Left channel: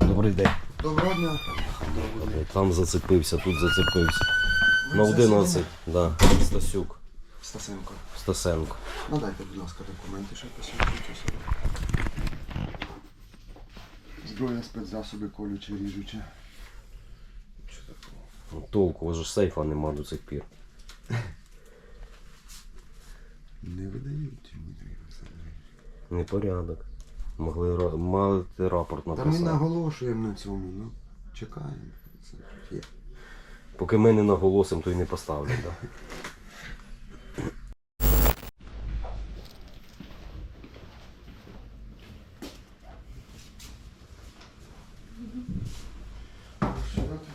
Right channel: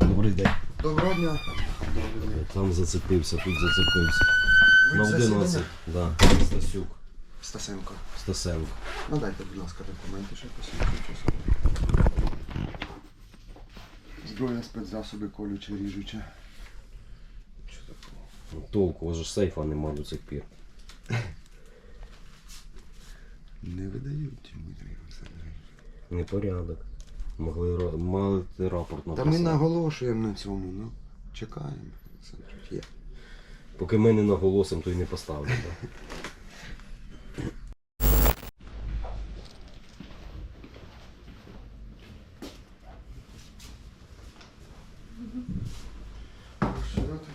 Добрий день. Доброго дня. Там зацепився, тут зацепився. Ви На в 11, засіданні? да. Стасюк, Стасенко. Стасенко. Надайте, будь ласка, документи, ще посвідчуючи собі. Зброя, спецзасоби, колюче, ріжуче. Що? Ну, Толку, у вас же ж сейфа нема до цих пір. Не видають, Олександрович. Непорядок. Могли мали рапорт Та ми наголошуємо на цьому, ну. Чекаємо. Є. Поки ми не наголосимо, то й не поставлять. Да? Розширяти.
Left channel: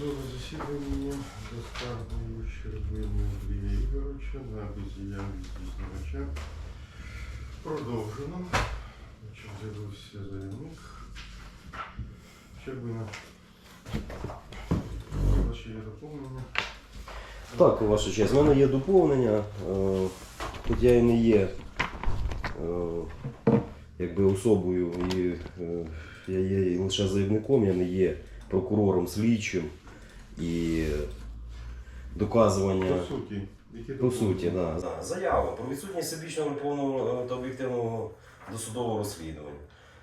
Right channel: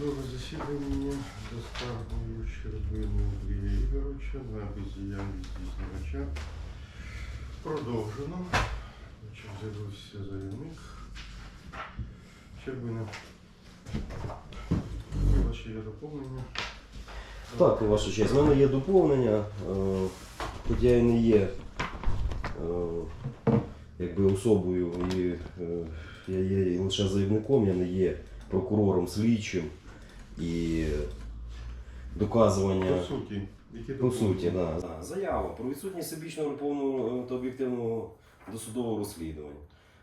Судове засідання за скаргою Щербини Андрія Ігоровича на бездіяльність дізнавача продовжено. З'явився заявник. Щербина. Ваші є доповнення. Так, ваша честь, в мене є доповнення. Е, Тут я і не є е, якби особою, і, е, я є лише заявником, я не є прокурором слідчим і доказування. По суті, які По суті, да. Заява про відсутність всебічного неповного та об'єктивного досудового розслідування.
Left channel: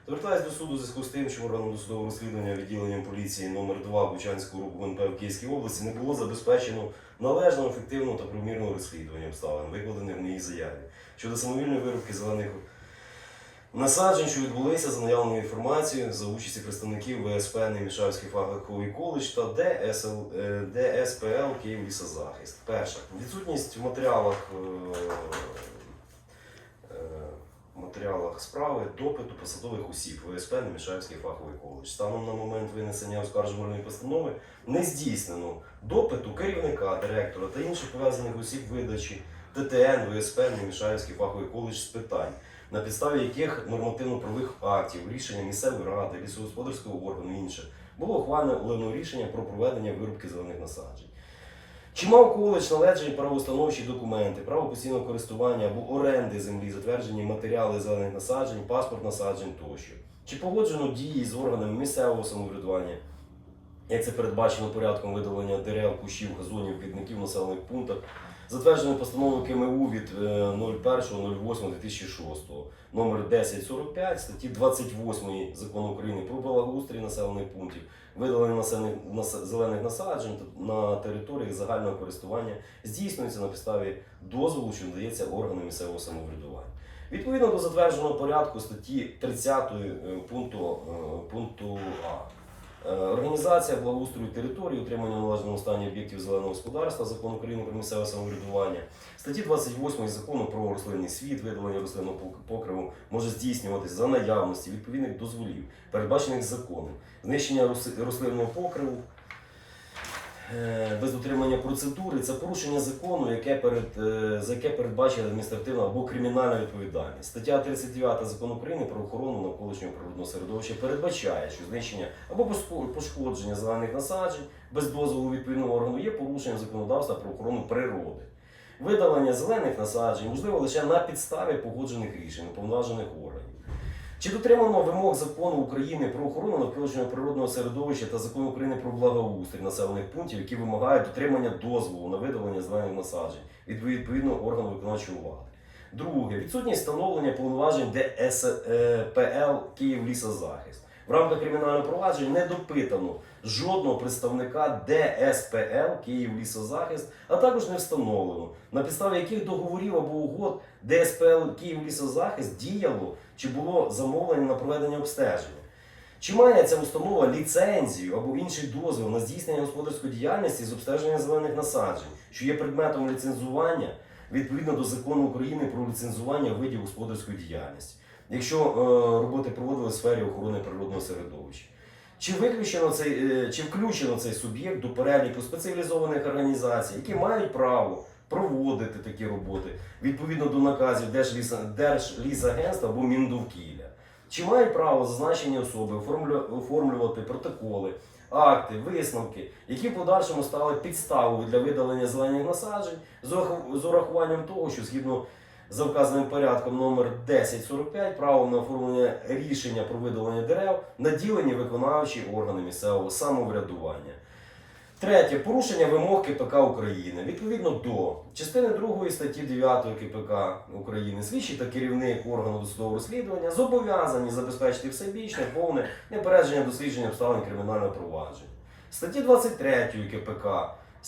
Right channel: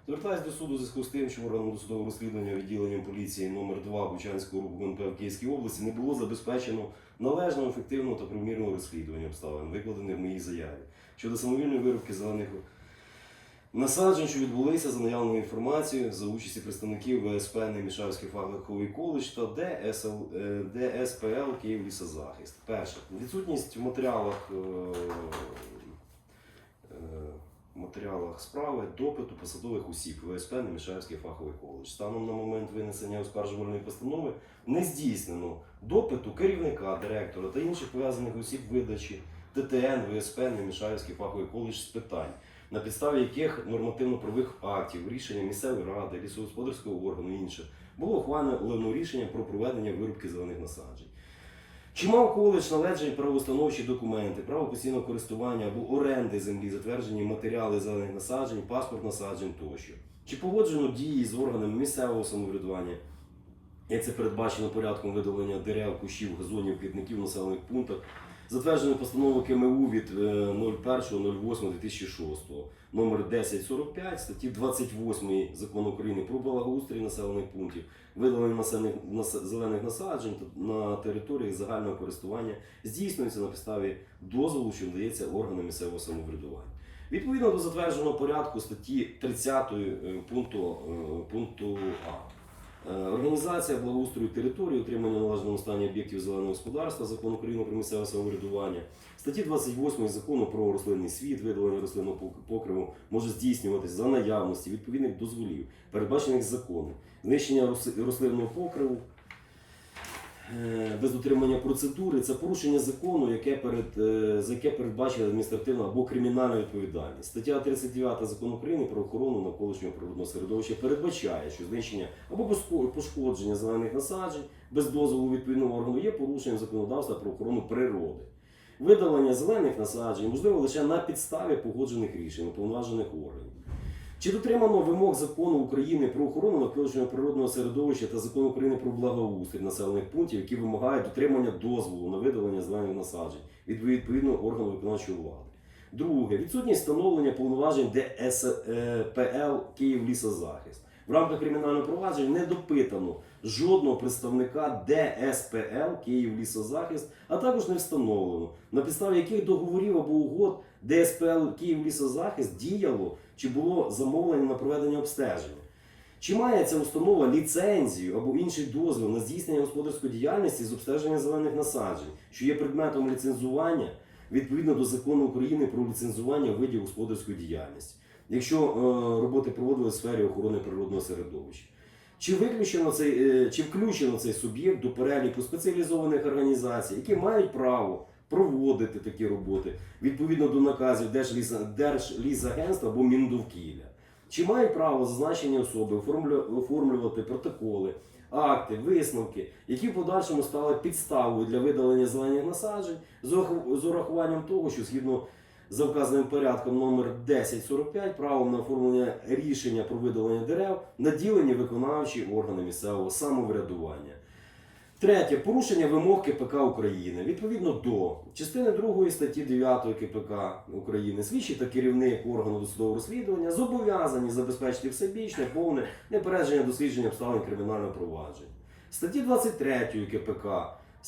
Звертаюсь до суду в зв'язку з тим, що органом досудового розслідування відділенням поліції номер 2 Бучанського РУП ГУНП в Київській області не було забезпечено належного, ефективного та примірного розслідування обставин, викладених в моїй заяві щодо самовільної виробки зелених насаджень, що відбулися за наявною інформацією за участі представників ВСП Немішавський фаховий коледж та ДСЛ, е, ДСПЛ Київ лісозахист. Перше, відсутність в матеріалах, е, е, матеріалах справи допиту посадових осіб ВСП Немішавський фаховий коледж. Станом на момент винесення оскаржувальної постанови не здійснено допиту керівника, директора та інших пов'язаних осіб видачі ТТН, ВСП Немішавський фаховий коледж з питань на підставі яких нормативно-правових актів, рішення місцевої ради, лісогосподарського органу інше було ухвалено рішення про проведення вирубки зелених насаджень. Чи мав коледж належні правоустановчі документи, право постійного користування або оренди землі, затверджені матеріали зелених насаджень, паспорт насаджень тощо? Чи погоджено дії з органами місцевого самоврядування, як це передбачено порядком видалення дерев, кущів, газонів, квітників населених пунктах, затверджено постановою КМУ від е, 01.08.2006, номер 1045, статті 28 Закону України про благоустрій населених пунктів, видалення населених нас- зелених насаджень на території загального користування здійснюється на підставі дозволу, що надається органам місцевого самоврядування. Відповідно до затвердженого порядку статті 30 е, пункту, е, пункту А. Е, Організація благоустрою території, утримання належного стані об'єктів зеленого господарства, закон України про місцеве самоврядування, статті 28 закону про рослинний світ, видалення рослинного покриву може здійснюватись за наявності відповідних дозволів, передбачених законом, знищення рос- рослинного покриву. Е, Без дотримання процедури це порушення закону, яке перед, е, за яке передбачена адміністративна або кримінальна відповідальність. Стаття 39 закону України про охорону навколишнього природного середовища передбачає, що знищення або пошкодження зелених насаджень без дозволу відповідного органу є порушенням законодавства про охорону природи. Видалення зелених насаджень можливо лише на підставі погоджених рішень уповноважених органів. Чи дотримано вимог закону України про охорону навколишнього природного середовища та закону України про благоустрій населених пунктів, які вимагають дотримання дозволу на видалення зелених насаджень від відповідного органу виконавчої влади? Друге, відсутність встановлення повноважень ДСПЛ Київлісозахист. В рамках кримінального провадження не допитано жодного представника ДСПЛ Київлісозахист, а також не встановлено, на підставі яких договорів або угод ДСПЛ Київлісозахист діяло чи було замовлення на проведення обстеження. Чи має ця установа ліцензію або інший дозвіл на здійснення господарської діяльності з обстеження зелених насаджень, що є предметом ліцензування відповідно до закону України про ліцензування видів господарської діяльності, якщо е, роботи проводили в сфері охорони природного середовища? Чи виключено цей, е, чи включено цей суб'єкт до переліку спеціалізованих організацій, які мають право проводити такі роботи відповідно до наказів Держліса- Держлісагентства або Міндовкілля? Чи мають право зазначені особи оформлювати протоколи акти, висновки, які в подальшому стали підставою для видалення зелених насаджень з урахуванням того, що згідно за вказаним порядком номер 1045 правом на оформлення рішення про видалення дерев наділені виконавчі органи місцевого самоврядування. Третє порушення вимог КПК України. Відповідно до частини 2 статті 9 КПК України, слідчий та керівник органу досудового розслідування зобов'язані забезпечити всебічне, повне непередження дослідження обставин кримінального провадження. Статті 23 КПК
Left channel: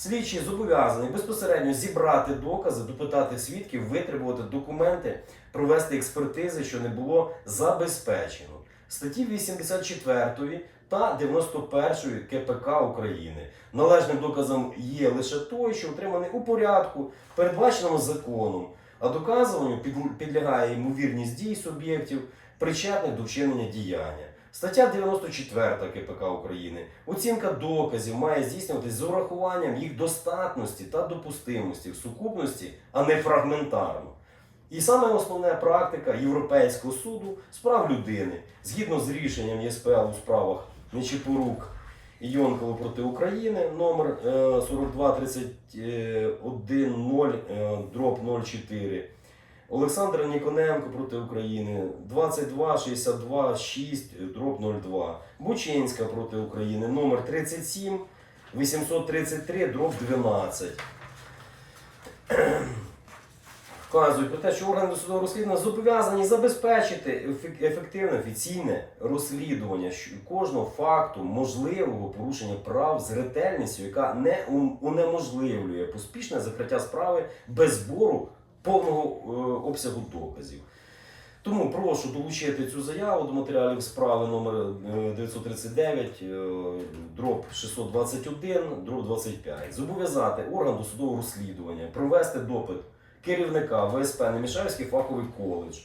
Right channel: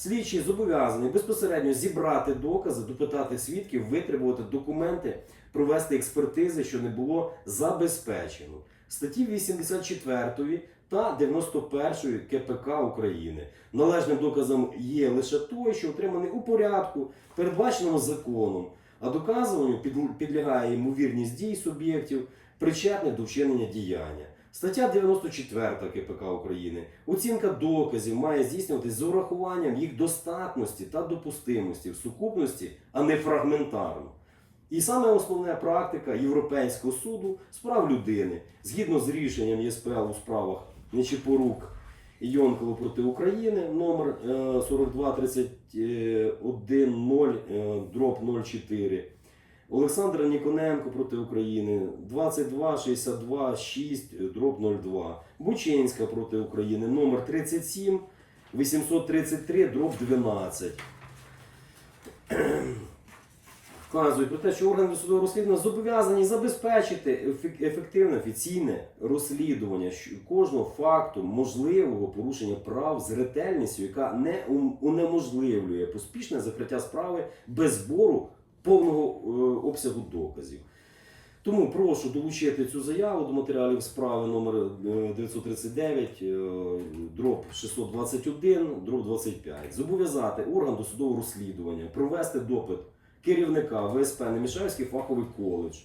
слідчий зобов'язаний безпосередньо зібрати докази, допитати свідків, витребувати документи, провести експертизи, що не було забезпечено. Статті 84 та 91 КПК України. Належним доказом є лише той, що отриманий у порядку, передбаченому законом, а доказуванню підлягає ймовірність дій суб'єктів, причетних до вчинення діяння. Стаття 94 КПК України. Оцінка доказів має здійснюватись з урахуванням їх достатності та допустимості в сукупності, а не фрагментарно. І саме основна практика Європейського суду з прав людини, згідно з рішенням ЄСПЛ у справах Нечипорук і Йонкова проти України, номер е, 42310 е, дроб 04. Олександра Ніконенко проти України 2262 6 дроб 02. Бучинська проти України номер 37 833 дроб 12. Вказують про те, що органи досудового розслідування зобов'язані забезпечити ефективне офіційне розслідування кожного факту можливого порушення прав з ретельністю, яка не унеможливлює поспішне закриття справи без збору повного е, обсягу доказів. Тому прошу долучити цю заяву до матеріалів справи номер е, 939, е, дроб 621, дроб 25. Зобов'язати орган досудового розслідування провести допит керівника ВСП Немішевський фаховий коледж,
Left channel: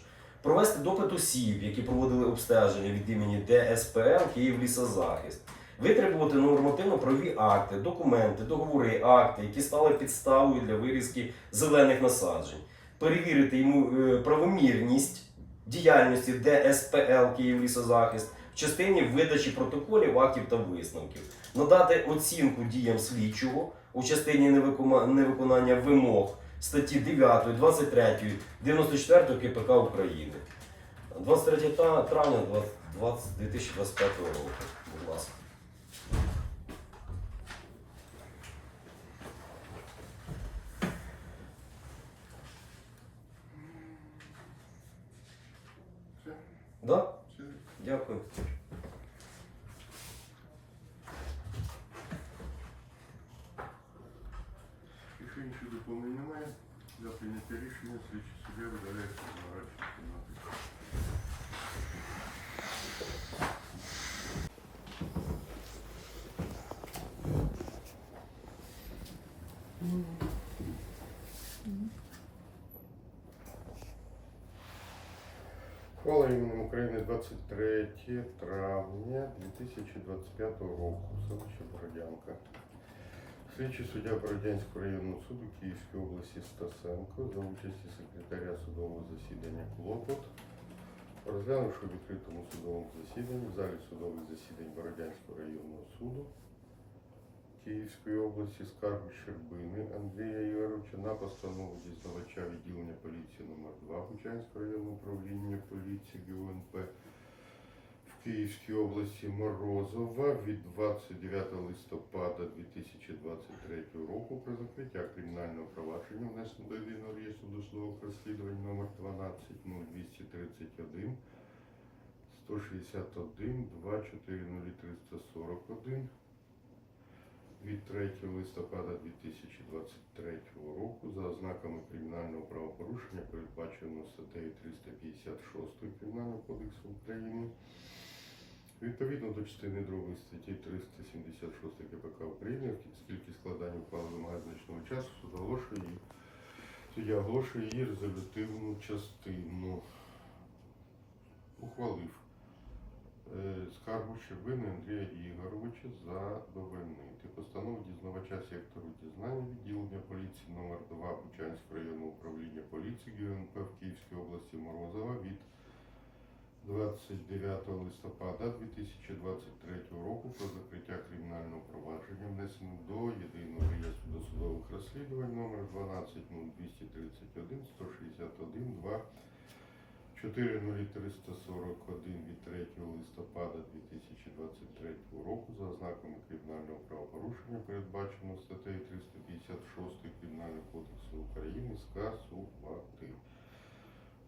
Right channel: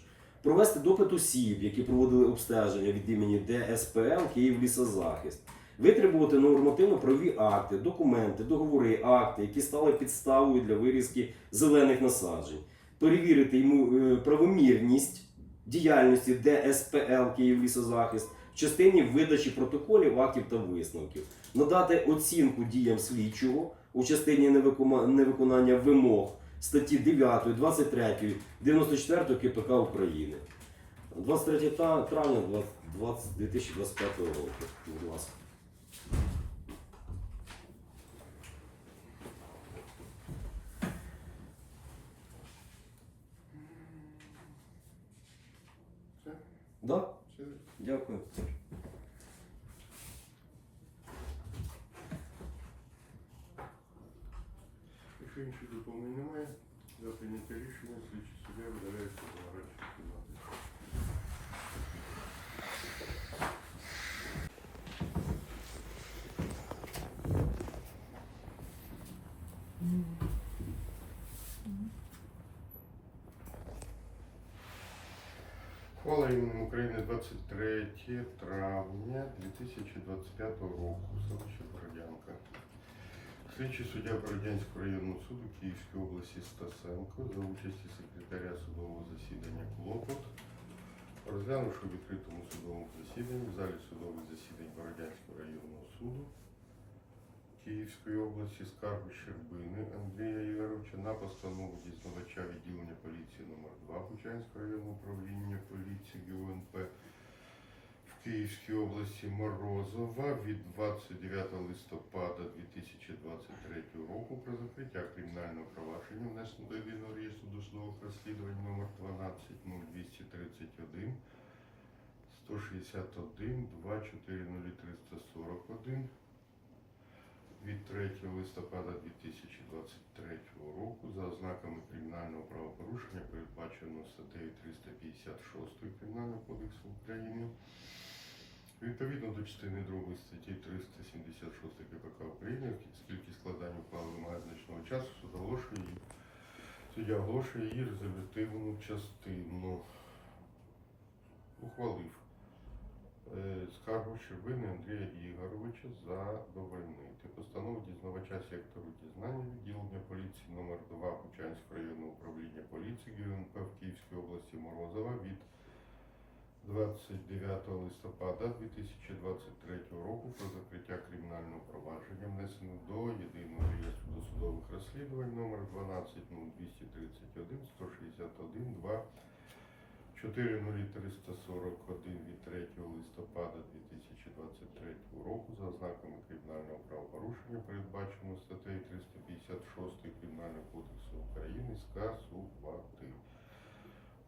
провести допит осіб, які проводили обстеження від імені ДСПЛ Київ Лісозахист, витребувати нормативно-правові акти, документи, договори, акти, які стали підставою для вирізки зелених насаджень, перевірити йому е, правомірність діяльності ДСПЛ Київ Лісозахист в частині видачі протоколів, актів та висновків, надати оцінку діям слідчого у частині невиконання вимог статті 9, 23, 94 КПК України. 23 травня 2025 року. Будь ласка. Да? Дякую. Якщо інших доповнень немає, за прийняття рішення слідчий суддя видається на радшу кімнати. Хвала іменем України 23 травня 2025 року. Селище Бородянка. Слідчий суддя Бородянського районного суду Київської області Стасенко за участі секретаря судового засідання Клопот, розглянувши у відкритому судовому засіданні в залі судових засідань Бородянського районного суду Київської області скаргу Щербини Андрія Ігоровича на постанову дізнавача відділення поліції номер 2 Бучанського районного управління поліції ГУНП в Київській області Морозова від 29 листопада 2023 року про закриття кримінального провадження внесено до єдиного реєстру досудових розслідувань номер 1202331 161 2400341 від 3 листопада 2023 року за ознаками кримінального правопорушення, передбаченого статтею 356 Кримінального кодексу України. Відповідно до частини 2 статті 376 КПК України, оскільки складання ухвали вимагає значного часу, суд оголошує її. Суддя оголошує її резолютивну частину. Ухвалив скаргу Щербини Андрія Ігоровича задовольнити. Постанову дізнавача сектору дізнання відділення поліції номер 2 Бучанського районного управління поліції ГУНП в Київській області Морозова від 29 листопада 2023 року про закриття кримінального провадження внесено до єдиного реєстру досудових розслідувань номер 120231 161 2 40341 від 3 листопада 2023 року за ознаками кримінального правопорушення, передбаченого статтею 356 Кримінального кодексу України скасувати.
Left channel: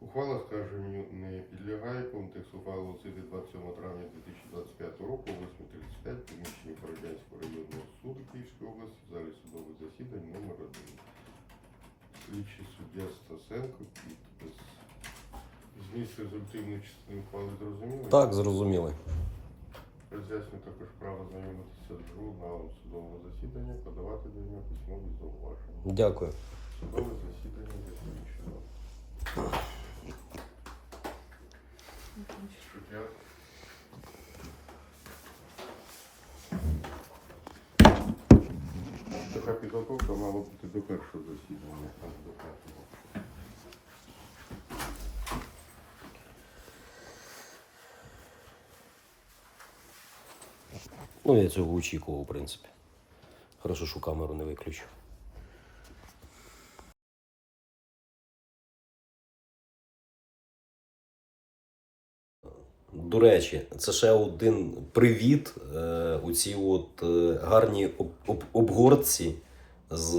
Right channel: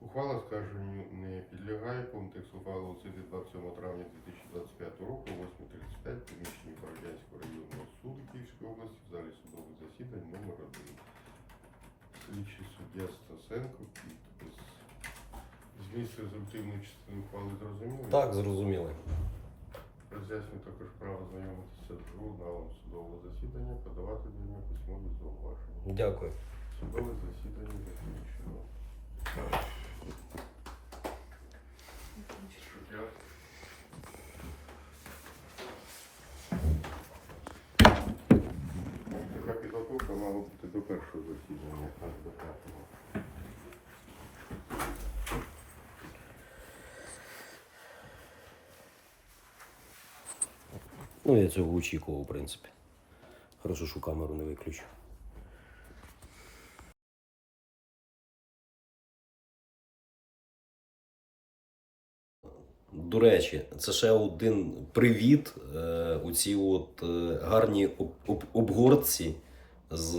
Ухвала скарженню не підлягає. Повний текст ухвали оцінити 27 травня 2025 року 8.35 приміщенні Бородянського районного суду Київської області в залі судових засідань номер 1. Слідчий суддя Стасенко підпис. Зміст результативної частини ухвали зрозуміли? Так, зрозуміли. Роз'яснюю також право знайомитися з журналом судового засідання, подавати до нього письмові зауваження. Дякую. Судове засідання закінчено. Така підготовка мала бути до першого засідання, а не до п'ятого. Ну, я цього очікував, в принципі. Хорошо, що камеру не виключу. До речі, це ще один привіт е, у цій от е, гарній об, об, обгортці з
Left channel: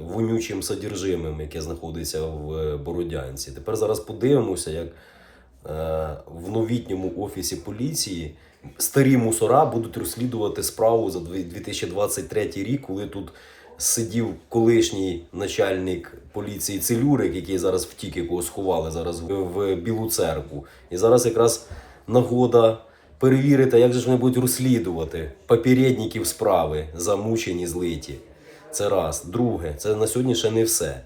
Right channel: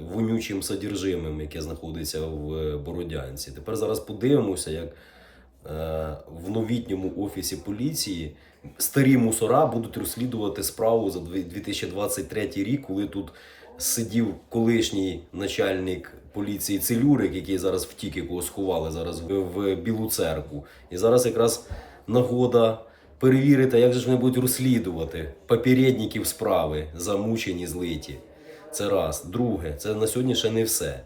вонючим содержимим, яке знаходиться в Бородянці. Тепер зараз подивимося, як е, в новітньому офісі поліції старі мусора будуть розслідувати справу за 2023 рік, коли тут сидів колишній начальник поліції Целюрик, який зараз втік, якого сховали зараз в, Білу церкву. І зараз якраз нагода перевірити, як же ж вони будуть розслідувати попередників справи, замучені, злиті. Це раз. Друге, це на сьогодні ще не все.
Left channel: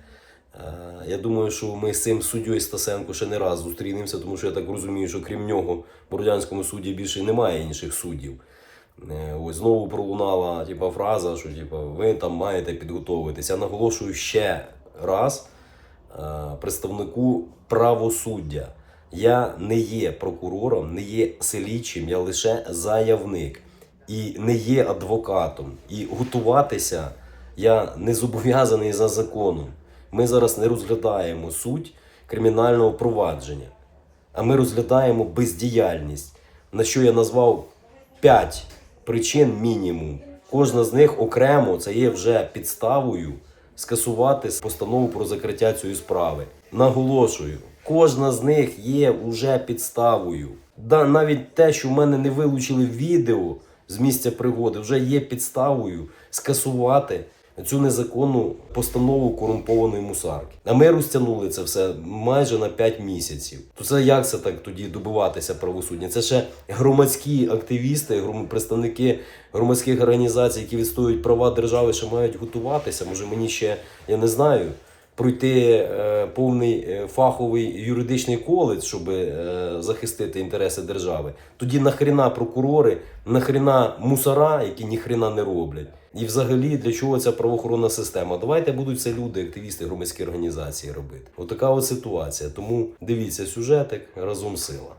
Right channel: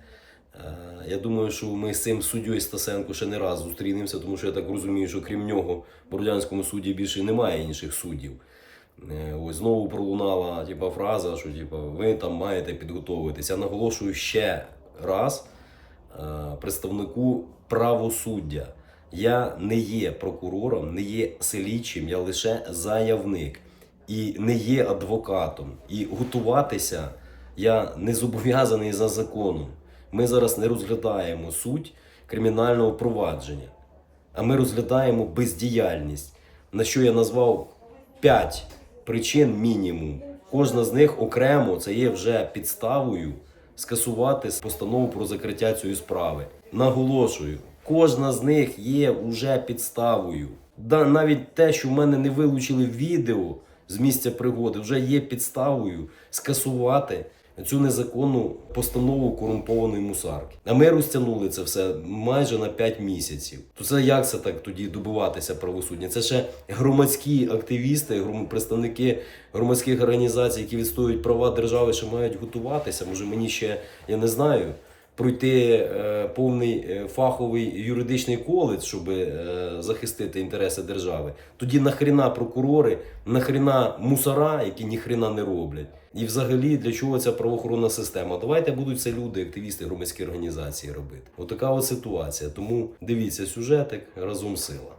Я думаю, що ми з цим суддєю Стасенко ще не раз зустрінемося, тому що я так розумію, що крім нього в Бородянському суді більше немає інших суддів. Е, Ось знову пролунала типа, фраза, що типа, ви там маєте підготовитися. Я наголошую ще раз е, представнику правосуддя. Я не є прокурором, не є слідчим, я лише заявник і не є адвокатом. І готуватися я не зобов'язаний за законом. Ми зараз не розглядаємо суть кримінального провадження, а ми розглядаємо бездіяльність, на що я назвав 5 причин мінімум. Кожна з них окремо це є вже підставою скасувати постанову про закриття цієї справи. Наголошую, кожна з них є вже підставою. Да, навіть те, що в мене не вилучили відео з місця пригоди, вже є підставою скасувати цю незаконну постанову корумпованої мусарки. А ми розтягнули це все майже на 5 місяців. То це як це так тоді добиватися правосуддя? Це ще громадські активісти, представники громадських організацій, які відстоюють права держави, ще мають готуватися. Може мені ще я не знаю. Пройти е, повний е, фаховий юридичний коледж, щоб е, захистити інтереси держави. Тоді нахріна прокурори, нахріна мусора, які ніхрена не роблять. І взагалі для чого ця правоохоронна система? Давайте будуть це люди, активісти, громадські організації робити. Отака от ситуація. Тому дивіться сюжетик разом сила.